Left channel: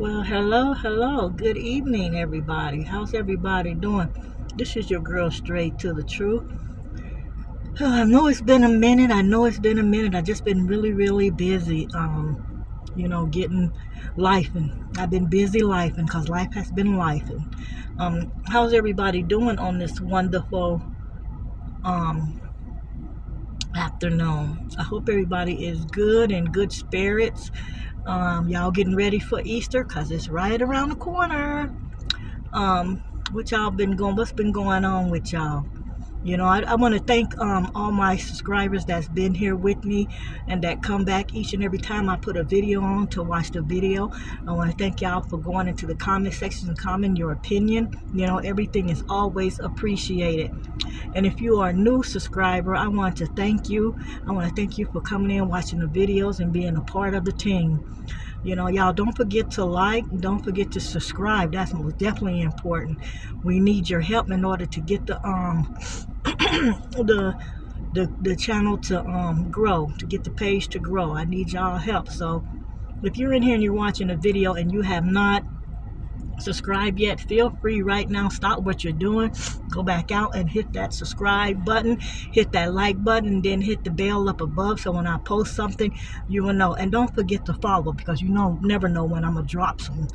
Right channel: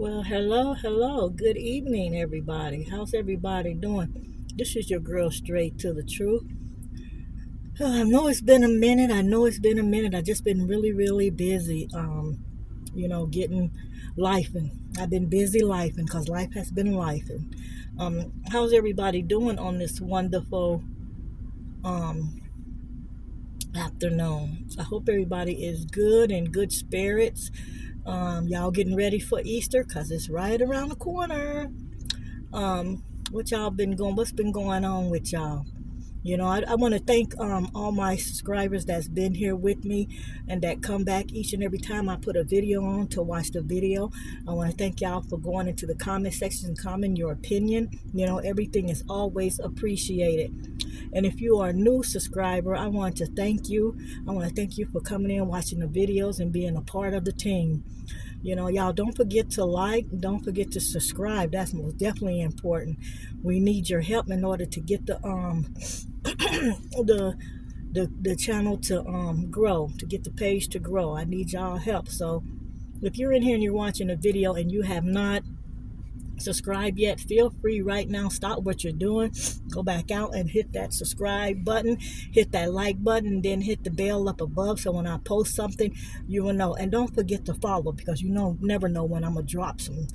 Well, hello. Good evening, everybody. How's everybody doing? This is your girl, Straight to the Truth. I know it's been a minute. I just been really busy. Getting life, and I've been busy lifing because life has been lifing. How's everybody doing on this wonderful um afternoon? I hope everybody is good in good spirits. Y'all getting ready for Easter because it's right around the corner. um what's been going on with y'all? I want to thank all my subscribers that's been here with me and that come back each and every time I put a video on to watch the video. I want to thank y'all for going into the comment section and commenting your opinion. Everything is always appreciated. And if you are a new subscriber, I want to thank you. I want to thank you for coming in, watching the videos, and being a part of the team. Y'all don't forget to like, don't forget to subscribe. That's most definitely important. We need your help in order to get the the channel to grow, to get the page to grow. I need y'all help. So if you're in here and you're watching a video and you have not subscribed yet, feel free right now, stop what you're doing, go back out and hit that subscribe button, hit that like button, and then hit the bell up above so when I post something you will know. And don't forget to follow, because never know when I'm gonna drop some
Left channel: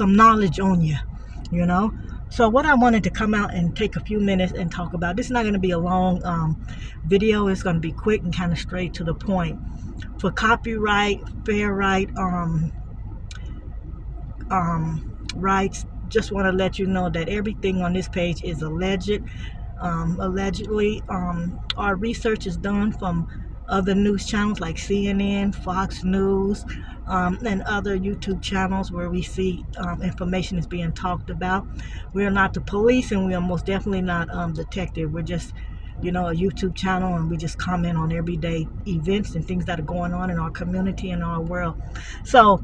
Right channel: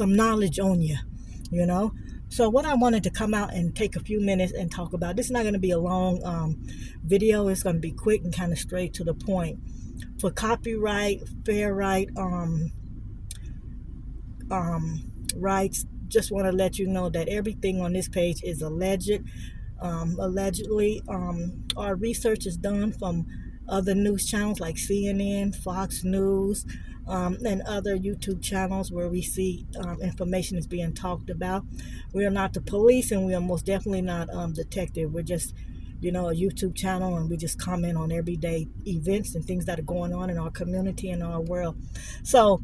knowledge on you. So what I wanted to come out and take a few minutes and talk about, this is not going to be a long video. It's going to be quick and kind of straight to the point. For copyright, fair right rights, just want to let you know that everything on this page is allegedly. Our research is done from other news channels like CNN, Fox News, and other YouTube channels where we see information is being talked about. We are not the police, and we are most definitely not detective. We're just a YouTube channel, and we just comment on everyday events and things that are going on in our community and our world. So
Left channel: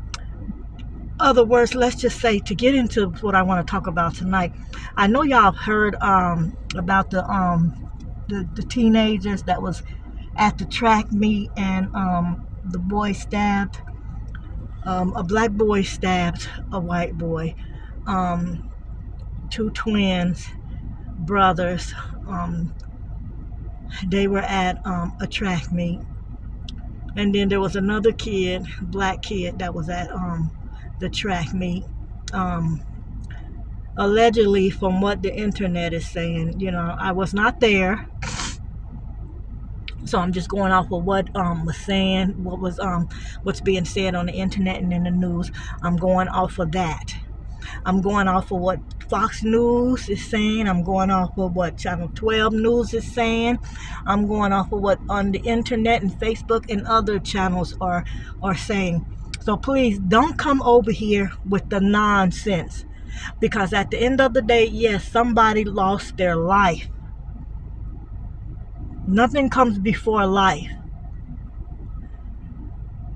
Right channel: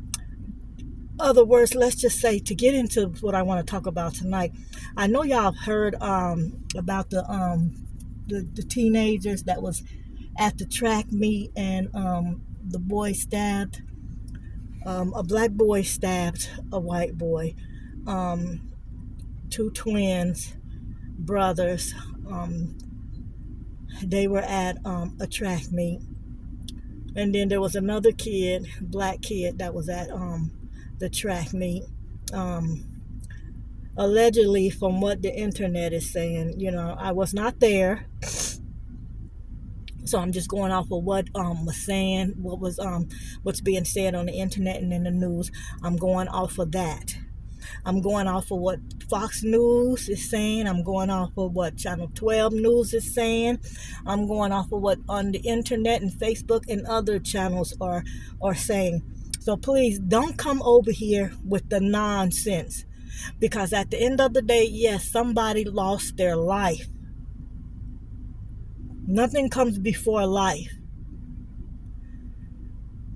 other words, let's just say, to get into what I want to talk about tonight, I know y'all have heard about the teenagers that was at the track meet, and the boy stabbed, a black boy stabbed a white boy. Two twins, brothers, they were at a track meet, and then there was another kid, black kid, that was at the track meet. Allegedly, from what the internet is saying, I was not there, so I'm just going off of what was saying, what's being said on the internet and in the news. I'm going off of that. I'm going off of what Fox News is saying. I'm going off of what Channel 12 News is saying. I'm going off of what on the internet and Facebook and other channels are saying. So please don't come over here with the nonsense, because at the end of the day, yes, somebody lost their life. Nothing comes before life.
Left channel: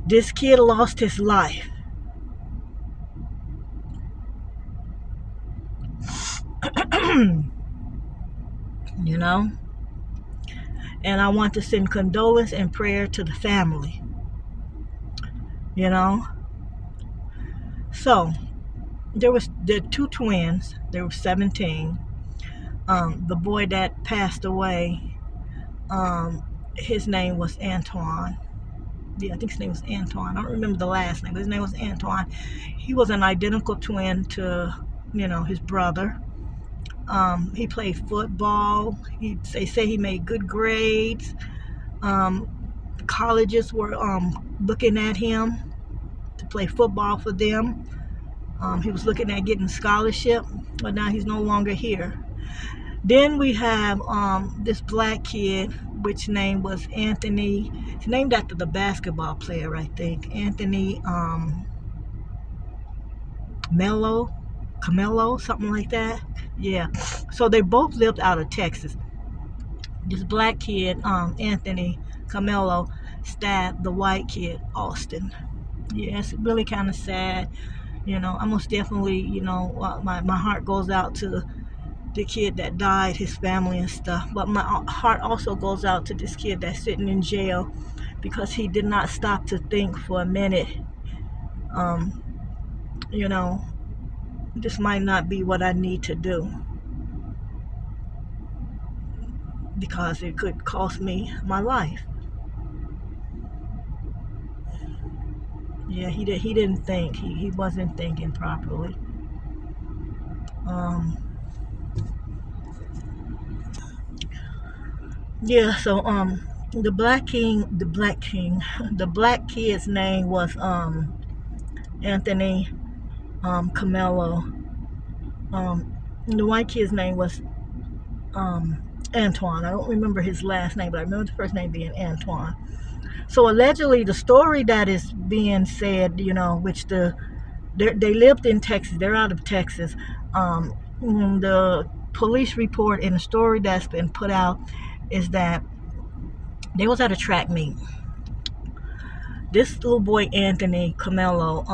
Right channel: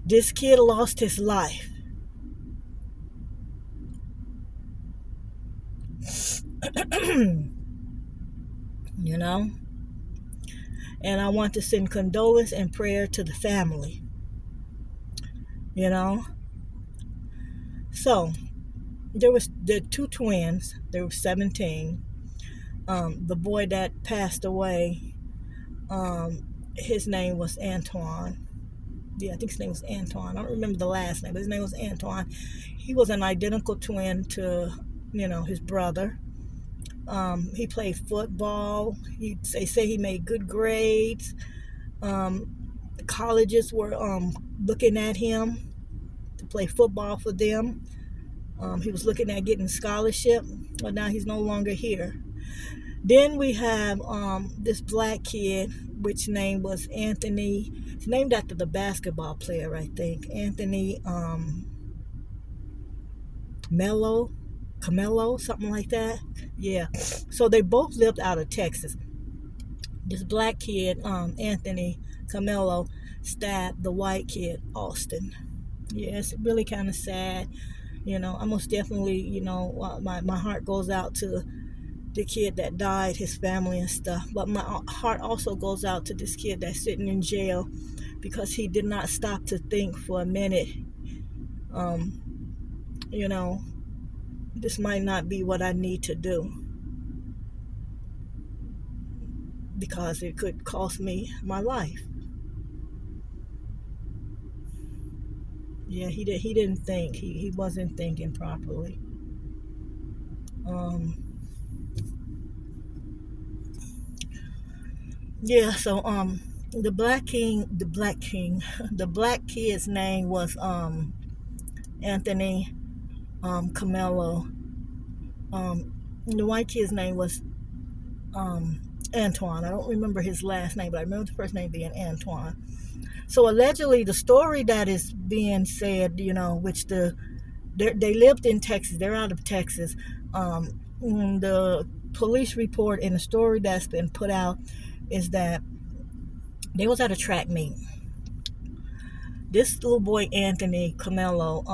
This kid lost his life. And I want to send condolence and prayer to the family. So there were two twins. They were 17. The boy that passed away, his name was Antoine. Yeah, I think his name was Antoine. I don't remember the last name, but his name was Antoine. He was an identical twin to, his brother. He played football. They say he made good grades. The colleges were looking at him to play football for them. He was looking at getting a scholarship, but now he's no longer here. Then we have this black kid, which name was Anthony. He's named after the basketball player, I think. Anthony Camelo, something like that. Yeah. So they both lived out of Texas. This black kid, Anthony Camelo, stabbed the white kid, Austin. Yeah, it's really kind of sad. I most definitely, my heart goes out to the kid that died, his family and stuff. But my heart also goes out to this kid that's sitting in jail because he did not stop to think for a minute Um, you know, this might not be what I need to do because it could cost me my life. Yeah, he didn't think. He wasn't thinking properly. Um, yeah, so the black king, the black kid's name was Anthony Camelo. The white kid's name was Antoine. I don't remember his last name, but I remember the first name being Antoine. So allegedly, the story that is being said, which they lived in Texas. They're out of Texas. The police report and the story that's been put out is that they was at a track meet. This little boy Anthony Camelo,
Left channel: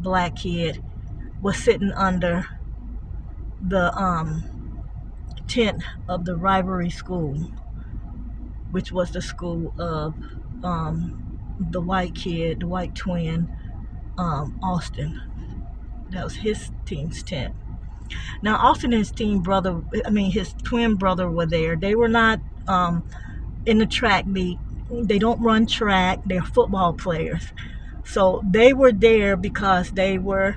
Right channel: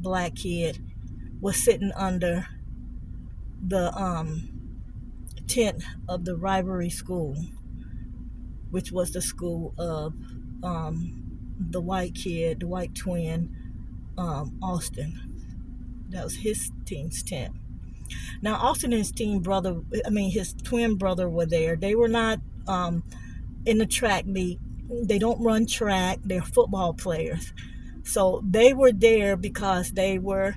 black kid, was sitting under the tent of the rivalry school, which was the school of the white kid, the white twin, Austin. That was his team's tent. Now, Austin and his his twin brother were there. They were not in the track meet. They don't run track. They're football players. So they were there because they were,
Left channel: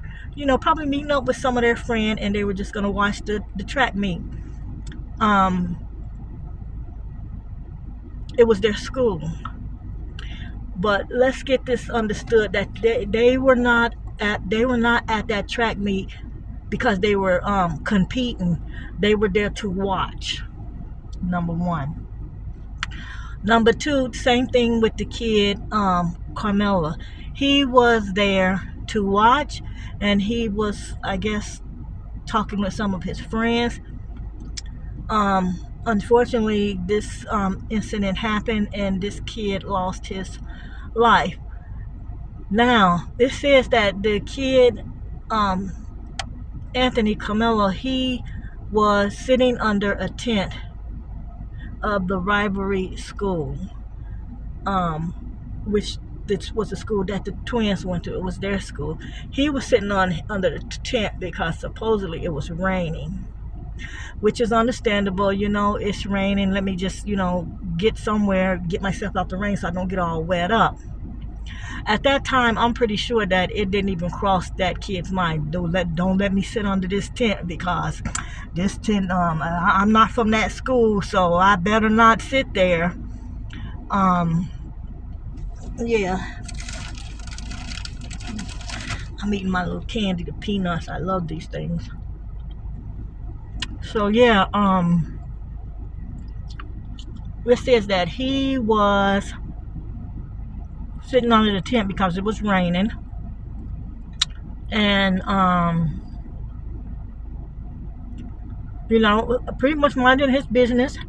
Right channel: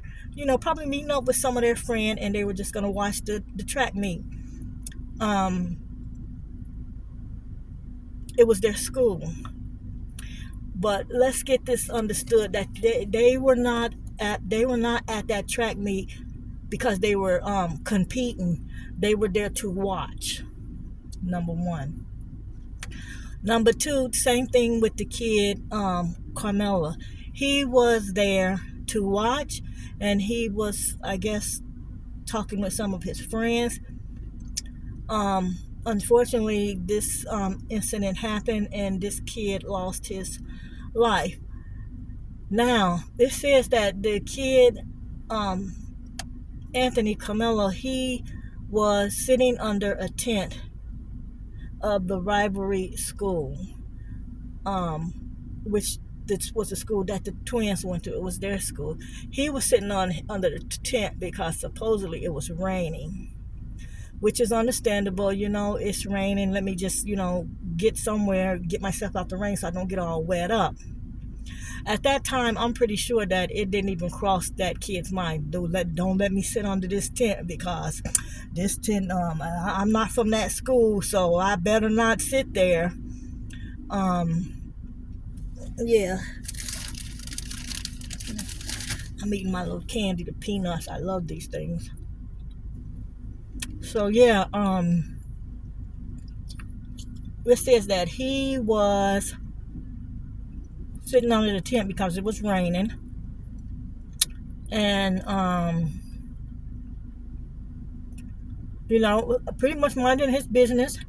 probably meeting up with some of their friends, and they were just going to watch the track meet. It was their school. But let's get this understood that they were not at that track meet because they were competing. They were there to watch. Number one. Number two, same thing with the kid Carmela. He was there to watch, and he was, I guess, talking with some of his friends. Unfortunately, this incident happened, and this kid lost his life. Now, it says that the kid, Anthony Camelo, he was sitting under a tent of the rivalry school, which this was a school that the twins went to. It was their school. He was sitting under the tent because supposedly it was raining, which is understandable. It's raining. Let me just, get somewhere, get myself out the rain so I don't get all wet up. At that time, I'm pretty sure that it didn't even cross that kid's mind. Don't let me sit under this tent because this tent, I'm not from that school, so I better not sit there. Yeah. I'm eating my little candy, the peanuts. I love these things. So yeah, it says that he was sitting under the tent because it was raining, and pretty much minding his business,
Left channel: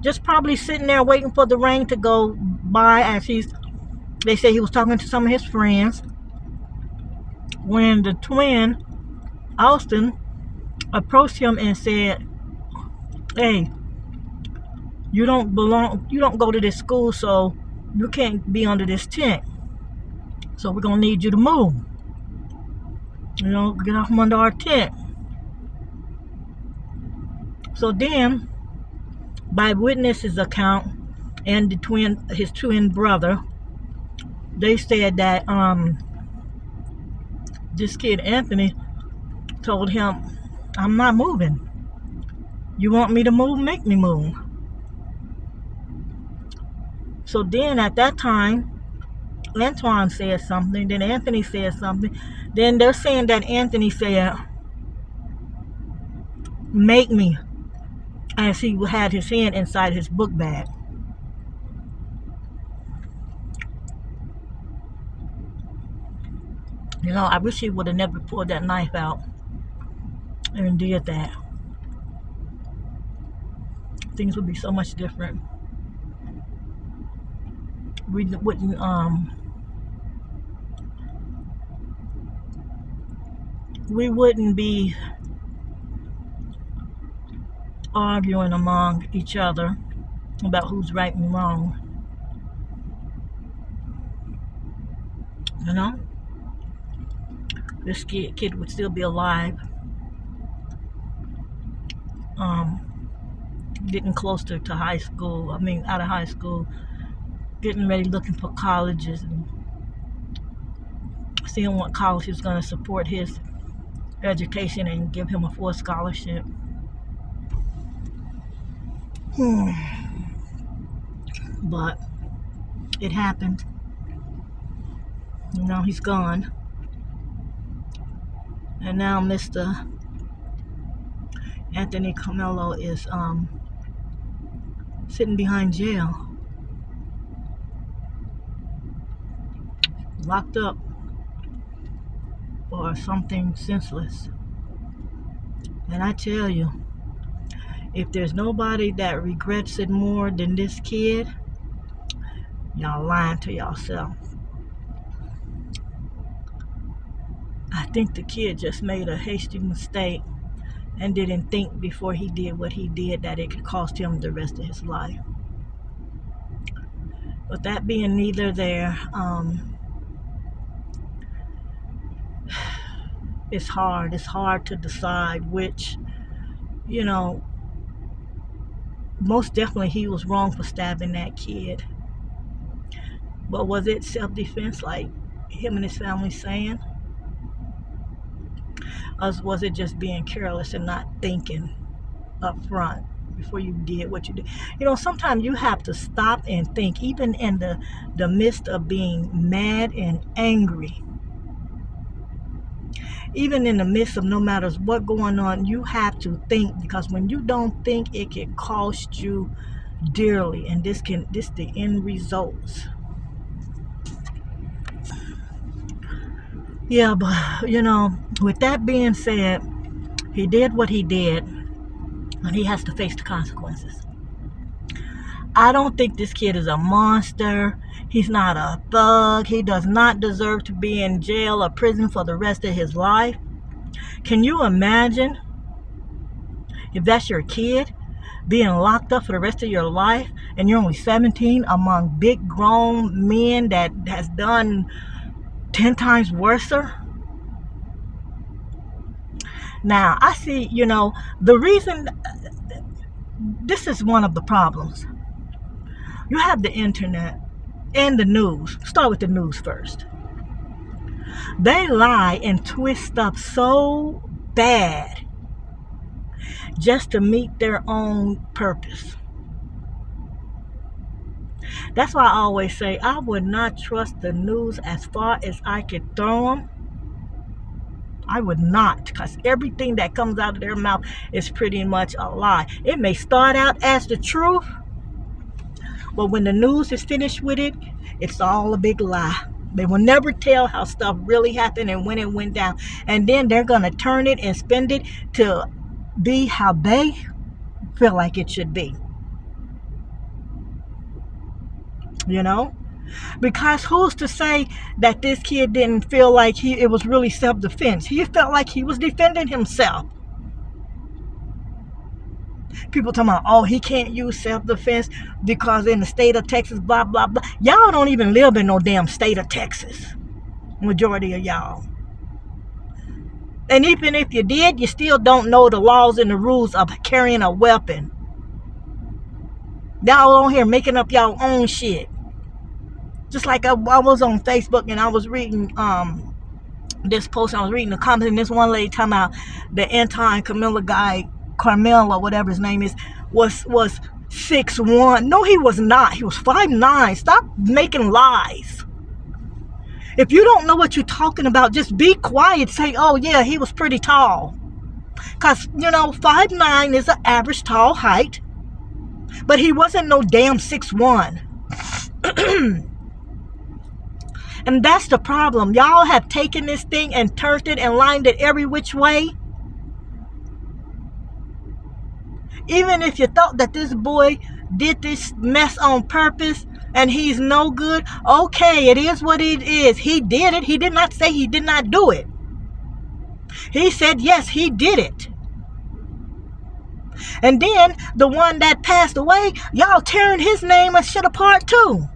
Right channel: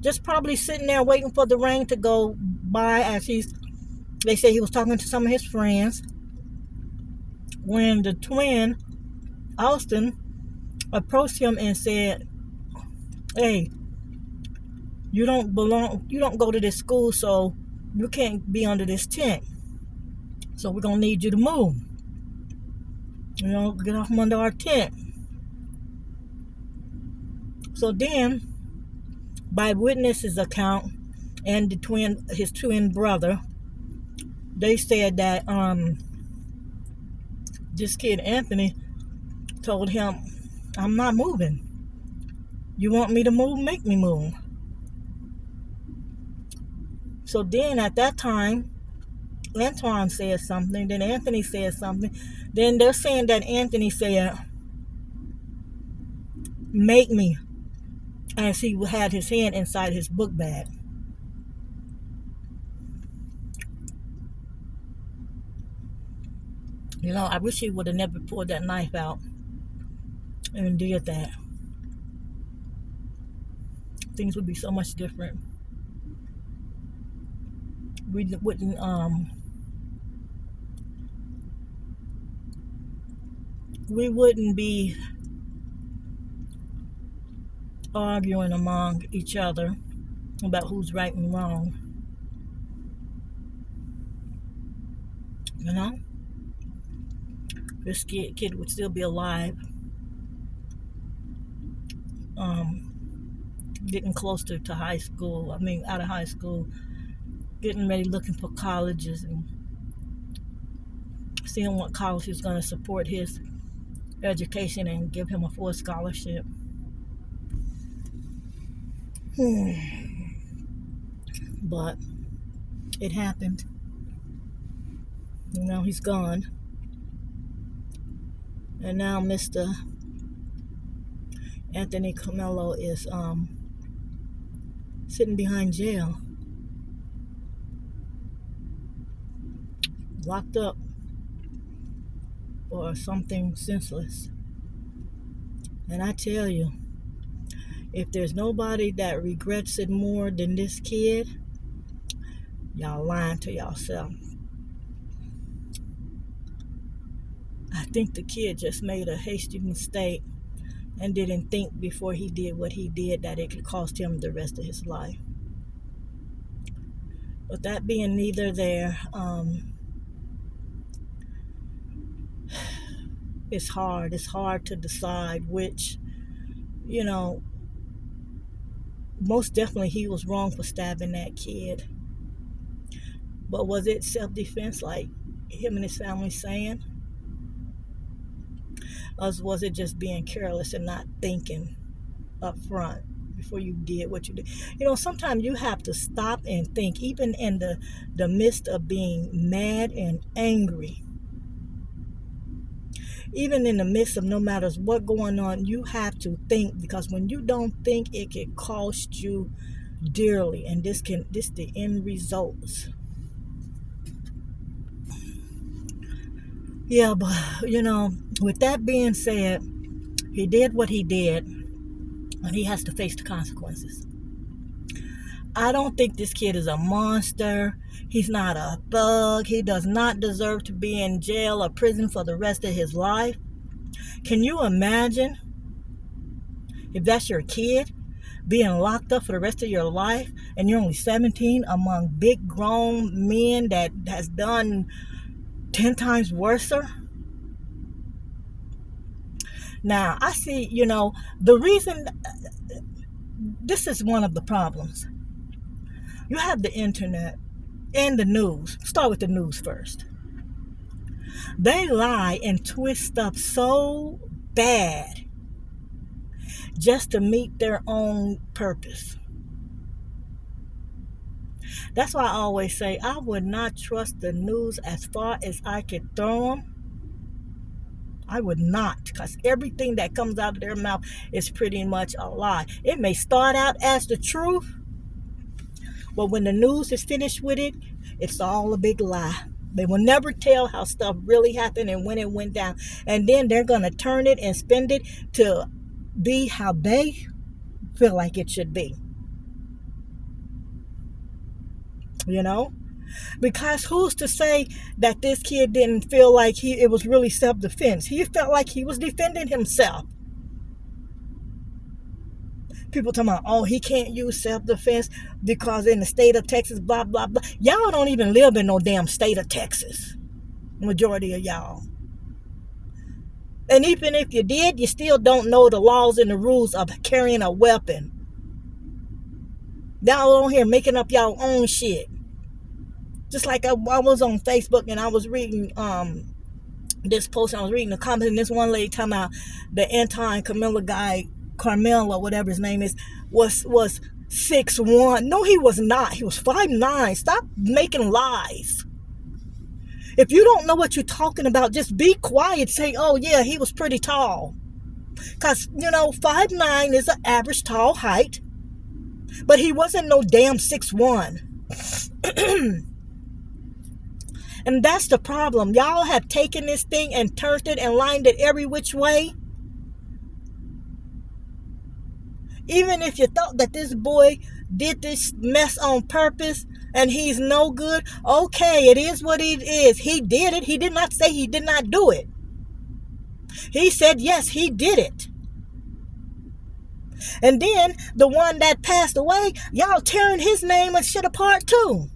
just probably sitting there waiting for the rain to go by. As they say he was talking to some of his friends when the twin Austin approached him and said, "Hey, you don't go to this school, so you can't be under this tent. So we're going to need you to move. Get off from under our tent." So then, by witnesses' account and his twin brother, they said that this kid Anthony told him, "I'm not moving. You want me to move? Make me move." So then at that time, Antoine said something, then Anthony said something. Then they're saying that Anthony said, "Make me," as he had his hand inside his book bag. I wish he would have never pulled that knife out and did that. Things would be so much different. We wouldn't be arguing among each other about who's right and wrong. this kid would still be alive. Getting closer to high school. I mean, out of high school, getting ready, looking for colleges and seeing what college is going to support his education and give him a full scholarship. But it happened. Now he's gone. And now Mr. Anthony Comello is sitting behind jail, locked up for something senseless. And I tell you, if there's nobody that regrets it more than this kid, y'all lying to yourself. I think the kid just made a hasty mistake and didn't think before he did what he did that it could cost him the rest of his life. But that being neither there, it's hard. It's hard to decide which, most definitely he was wrong for stabbing that kid. But was it self-defense like him and his family saying? Or was it just being careless and not thinking up front before you did what you did? Sometimes you have to stop and think, even in the midst of being mad and angry. Even in the midst of no matter what going on, you have to think, because when you don't think, it can cost you dearly, and this the end results. Yeah, but with that being said, he did what he did, and he has to face the consequences. I don't think this kid is a monster. He's not a thug. He does not deserve to be in jail or prison for the rest of his life. Can you imagine if that's your kid, being locked up for the rest of your life, and you're only 17 among big grown men that has done 10 times worse? Now, I see, the reason, this is one of the problems. You have the internet and the news. Start with the news first. They lie and twist up so bad just to meet their own purpose. That's why I always say I would not trust the news as far as I could throw them. I would not, because everything that comes out of their mouth is pretty much a lie. It may start out as the truth, but when the news is finished with it, it's all a big lie. They will never tell how stuff really happened and when it went down. And then they're going to turn it and spend it to be how they feel like it should be. Because who's to say that this kid didn't feel like it was really self-defense? He felt like he was defending himself. People talking about, oh, he can't use self-defense because in the state of Texas, blah, blah, blah. Y'all don't even live in no damn state of Texas. Majority of y'all. And even if you did, you still don't know the laws and the rules of carrying a weapon. Y'all on here making up y'all own shit. Just like I was on Facebook and I was reading this post, I was reading the comments, and this one lady talking about the anti-Camilla guy, Carmel or whatever his name is, was 6'1". No, he was not. He was 5'9". Stop making lies. If you don't know what you're talking about, just be quiet. Say, oh yeah, he was pretty tall. Because, 5'9" is an average tall height. But he wasn't no damn 6'1". And that's the problem. Y'all have taken this thing and turned it and lined it every which way. Even if you thought that this boy did this mess on purpose and he's no good, okay, it is what it is. He did it. He did not say he did not do it. He said, yes, he did it. And then the one that passed away, y'all tearing his name and shit apart too.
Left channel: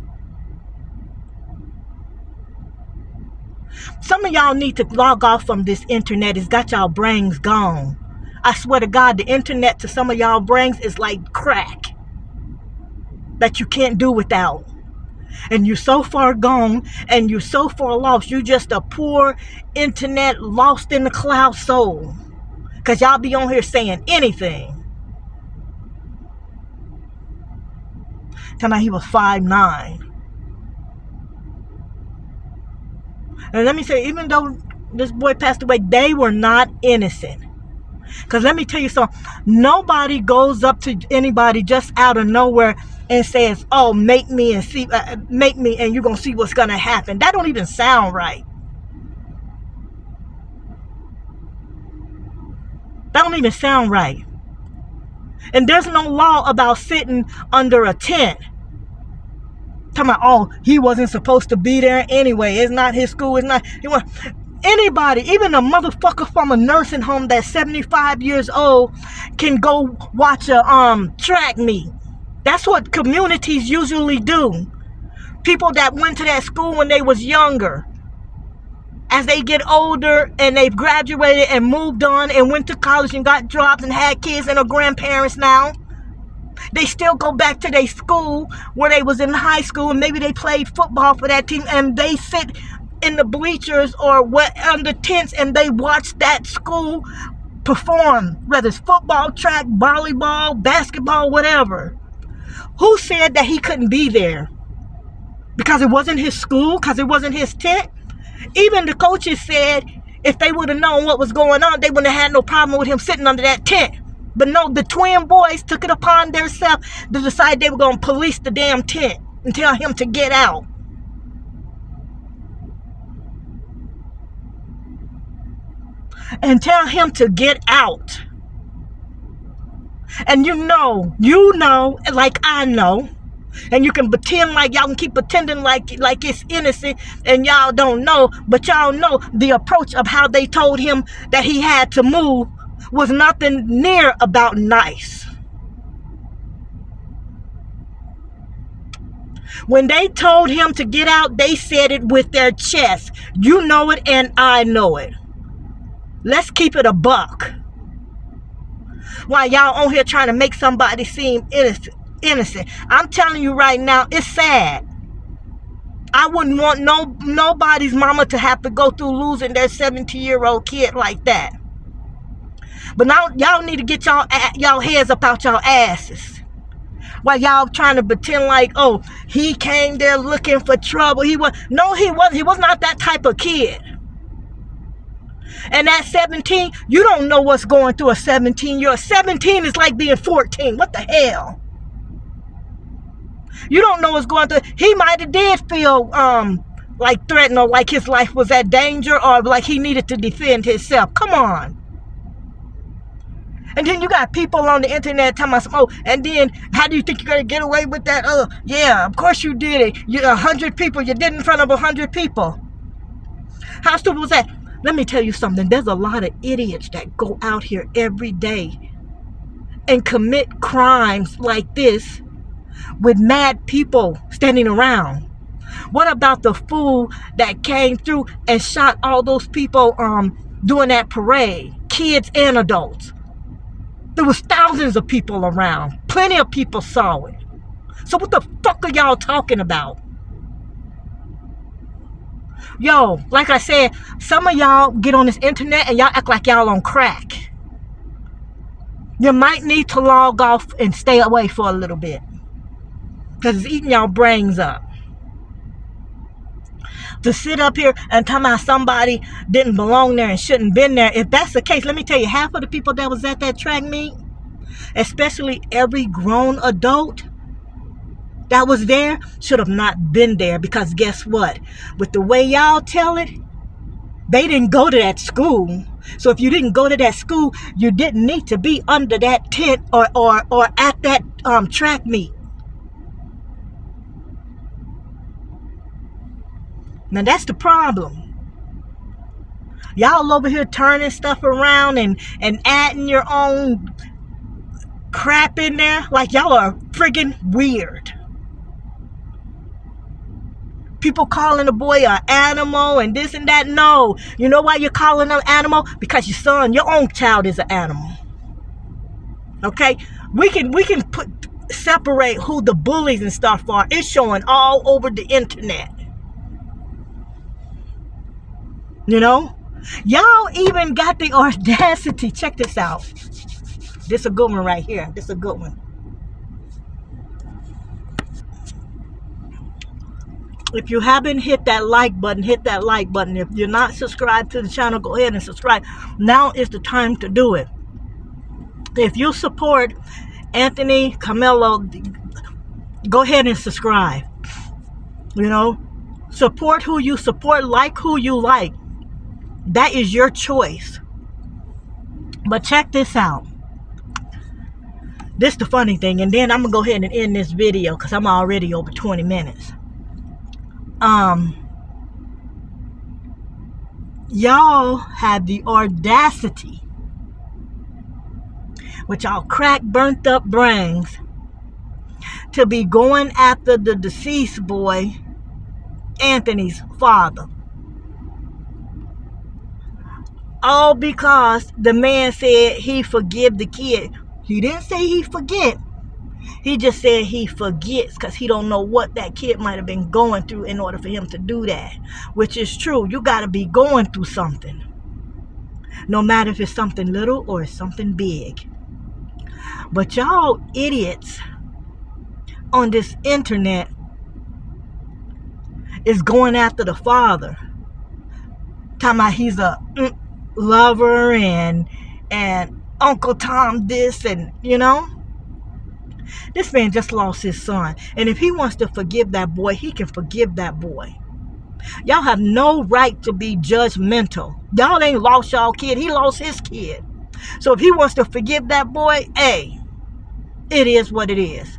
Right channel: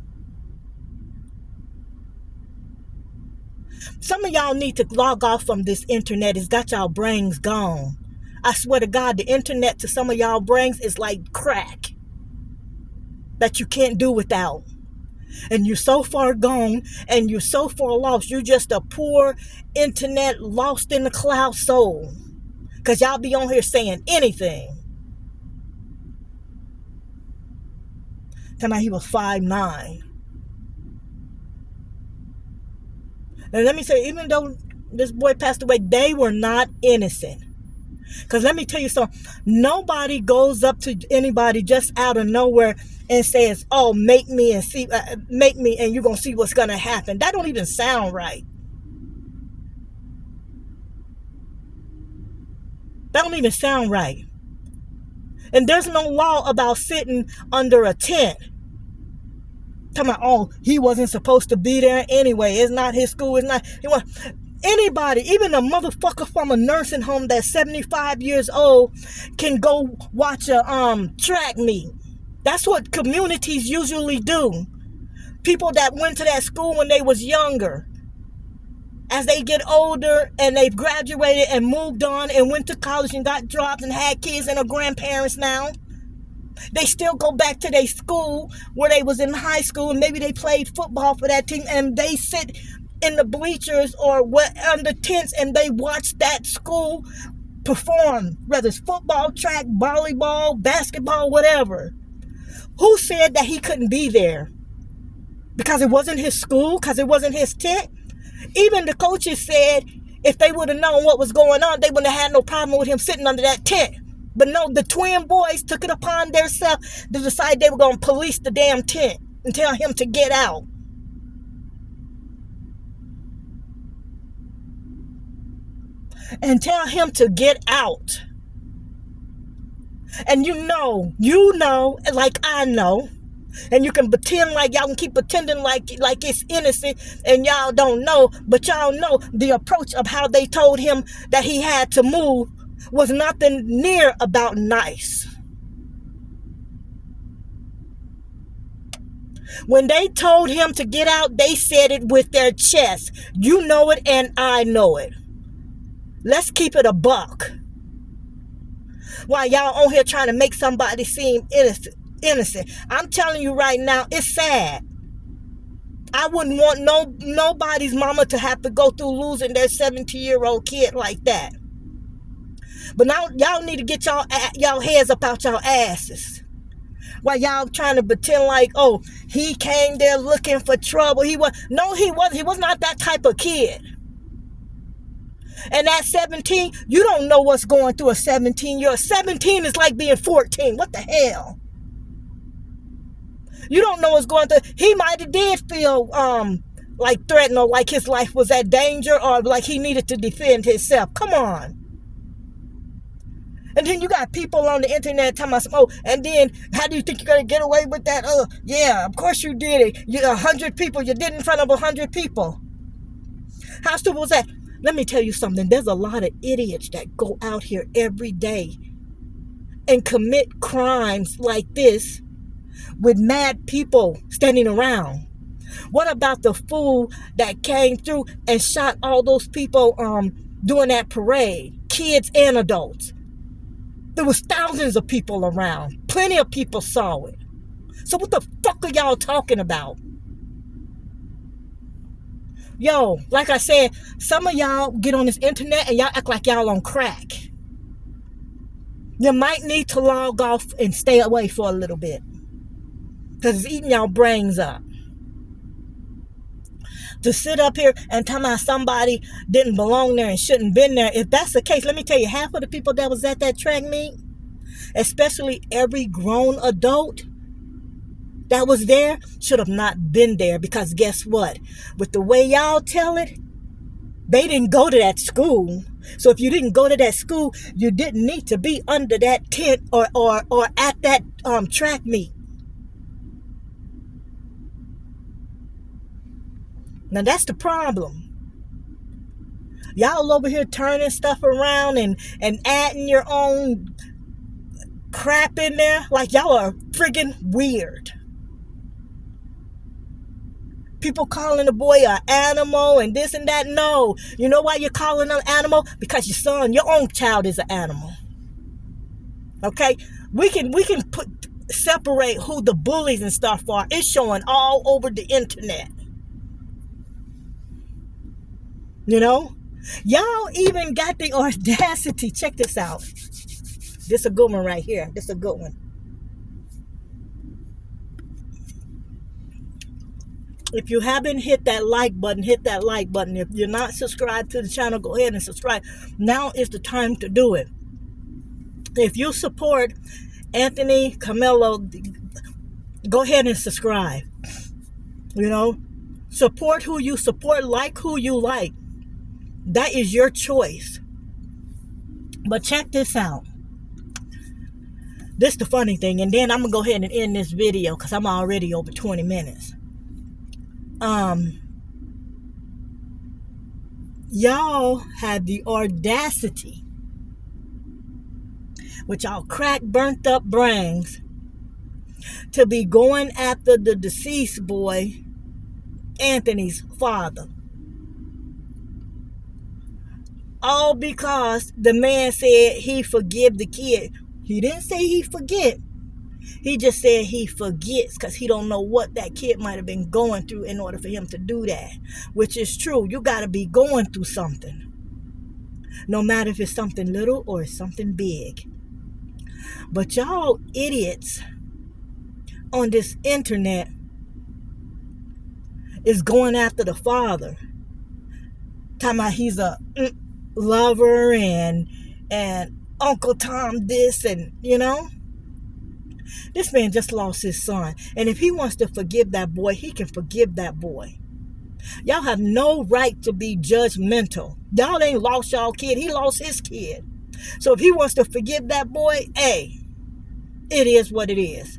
Some of y'all need to log off from this internet. It's got y'all brains gone. I swear to God, the internet to some of y'all brains is like crack that you can't do without. And you're so far gone and you're so far lost. You're just a poor internet lost in the cloud soul. Because y'all be on here saying anything. Tell me he was 5'9". And let me say, even though this boy passed away, they were not innocent. Because let me tell you something. Nobody goes up to anybody just out of nowhere and says, oh, make me and you're going to see what's going to happen. That don't even sound right. That don't even sound right. And there's no law about sitting under a tent. Talking about, oh, he wasn't supposed to be there anyway. It's not his school. It's not. Anybody, even a motherfucker from a nursing home that's 75 years old, can go watch a track meet. That's what communities usually do. People that went to that school when they was younger. As they get older and they've graduated and moved on and went to college and got jobs and had kids and are grandparents now, they still go back to their school where they was in high school and maybe they played football for that team, and they sit in the bleachers or under tents and they watch that school perform, whether it's football, track, volleyball, basketball, whatever. Who said that he couldn't be there? Because it wasn't his school? Because it wasn't his tent? Even the coaches said if they would have known what was going on, they wouldn't have had no problem with him sitting under that tent. But no, the twin boys took it upon themselves to decide they were going to police the damn tent and tell him to get out. And tell him to get out. And you know, like I know, and you can pretend like y'all can keep pretending like it's innocent and y'all don't know, but y'all know the approach of how they told him that he had to move was nothing near about nice. When they told him to get out, they said it with their chest. You know it and I know it. Let's keep it a buck. While y'all on here trying to make somebody seem innocent. I'm telling you right now, it's sad. I wouldn't want nobody's mama to have to go through losing their 17-year-old kid like that. But now y'all need to get y'all heads up out y'all asses. While y'all trying to pretend like, oh, he came there looking for trouble. He wasn't. He was not that type of kid. And at 17, you don't know what's going through a 17-year-old. 17 is like being 14. What the hell? You don't know what's going through. He might have did feel like threatened or like his life was at danger or like he needed to defend himself. Come on. And then you got people on the internet talking about, oh, and then how do you think you're going to get away with that? Oh, yeah, of course you did it. You're 100 people. You did it in front of 100 people. How stupid was that? Let me tell you something. There's a lot of idiots that go out here every day and commit crimes like this with mad people standing around. What about the fool that came through and shot all those people doing that parade? Kids and adults. There was thousands of people around. Plenty of people saw it. So what the fuck are y'all talking about? Yo, like I said, some of y'all get on this internet and y'all act like y'all on crack. You might need to log off and stay away for a little bit. Because it's eating y'all brains up. To sit up here and tell me somebody didn't belong there and shouldn't been there. If that's the case, let me tell you, half of the people that was at that track meet, especially every grown adult that was there, should have not been there. Because guess what? With the way y'all tell it, they didn't go to that school. So if you didn't go to that school, you didn't need to be under that tent or at that track meet. Now that's the problem. Y'all over here turning stuff around and adding your own crap in there like y'all are friggin' weird. People calling the boy an animal and this and that. No. You know why you're calling him animal? Because your own child is an animal. Okay? We can separate who the bullies and stuff are. It's showing all over the internet. You know? Y'all even got the audacity. Check this out. This a good one right here. This a good one. If you haven't hit that like button, hit that like button. If you're not subscribed to the channel, go ahead and subscribe. Now is the time to do it. If you support Anthony Carmelo, go ahead and subscribe. You know, support who you support, like who you like. That is your choice. But check this out. This is the funny thing, and then I'm gonna go ahead and end this video because I'm already over 20 minutes. Y'all have the audacity with y'all crack burnt up brains to be going after the deceased boy, Anthony's father. All because the man said he forgive the kid. He didn't say he forget. He just said he forgets because he don't know what that kid might have been going through in order for him to do that. Which is true. You got to be going through something. No matter if it's something little or it's something big. But y'all idiots on this internet is going after the father. Talking about he's a lover and Uncle Tom this and, you know. This man just lost his son. And if he wants to forgive that boy, he can forgive that boy. Y'all have no right to be judgmental. Y'all ain't lost y'all kid. He lost his kid. So if he wants to forgive that boy, hey, it is what it is.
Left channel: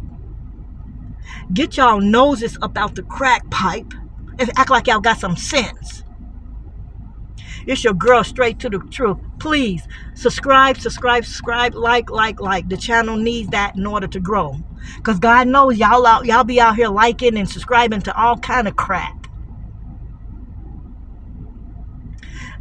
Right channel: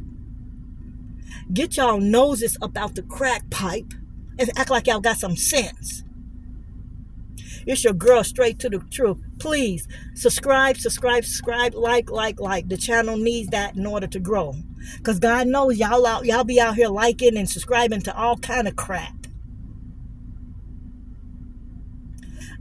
Get y'all noses up out the crack pipe and act like y'all got some sense. It's your girl, Straight to the Truth. Please subscribe, like. The channel needs that in order to grow. Because God knows y'all be out here liking and subscribing to all kind of crap.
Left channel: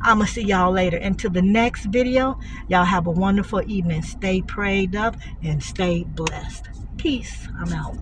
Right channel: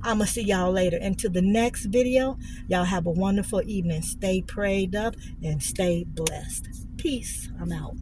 I'm going to see y'all later. Until the next video, y'all have a wonderful evening. Stay prayed up and stay blessed. Peace. I'm out.